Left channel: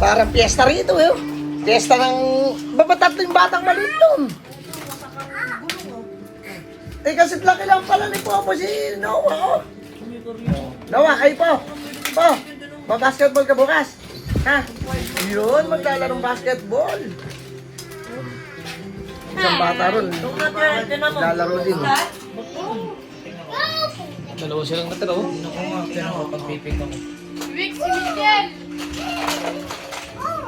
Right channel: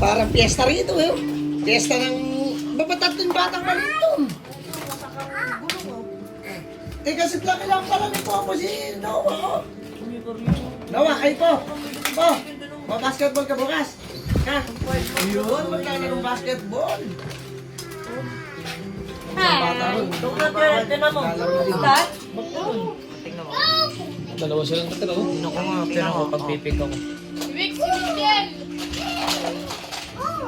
Parang piyesta rito eh. Piyesta ng... Babatatlong batang maliit doon. Eh kasi laki lang pala ni Popo si Noah. Noah, kayo po. Po, mag-basketball ka bukas. Ha? Yun, maglalarong basketball. Isang bata ron. Lalaro din. Dalawa silang natira, oh. Tingnan ko, pagpipig ako. Weak si Michelle!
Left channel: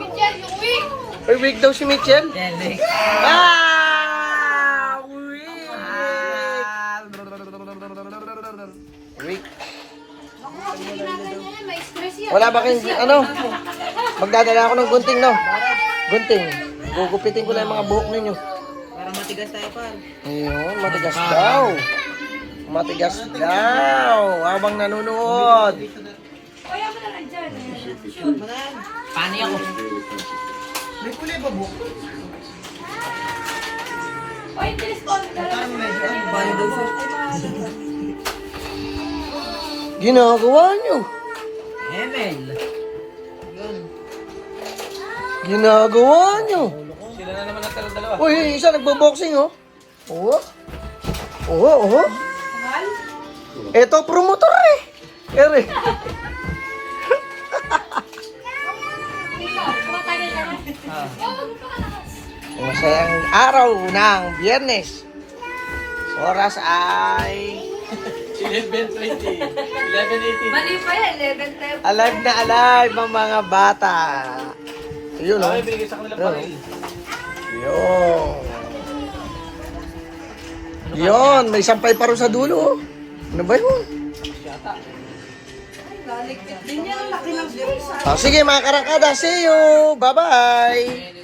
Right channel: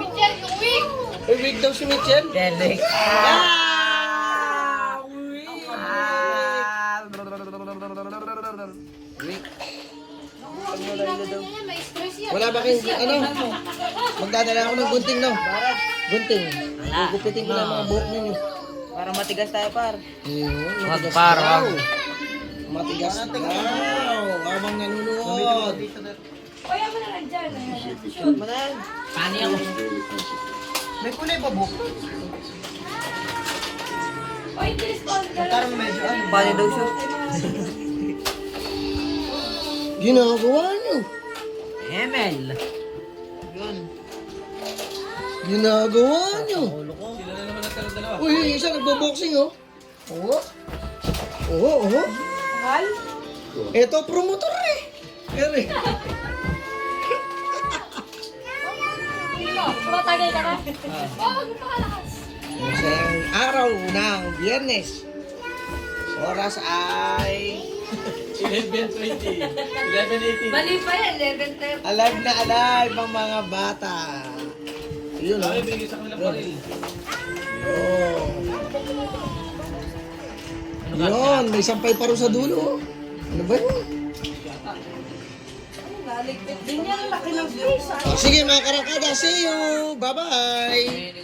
Michelle, yung weak! Uy, weak daw si Mitchell. Delek. Ah! Weak. Weak. May stress yan. Wala ba kayong, ano? Magdadala ako ng gunting, no? Gunting. Gugupitin ko lang yung mga buhok ninyo. Para matigas tayo, par. Ayun, matigas daw. Matigas daw. Habang nanonood. Kaya mo na lang dyan. Pani ako. May kulay pa buhok. Oy, respond ka lang. Pani daw siya. Ginagawa nyo. Emel. Yun. Ginagawa nyo. Sila na naman natira dalawa. Uy, isa nagbo-boxing, oh. Oo. Oo, oo. Mahal? Ito, promotor eh. Ere. Tumatagay ka na. Masayang araw ng Biyernes. Oras ay 11:20. 11:18. Mali pa yan, 11:10. alive na alive ang mga bata. Yun, oh. Ay, binigay sa kanila pa rin. Yun. Yun, may sampay pa rin sa dulo, oh. Ano ba yun? Naligpit din yan. Ang laki ng face. Sige mga karakada, see you. Bye-bye.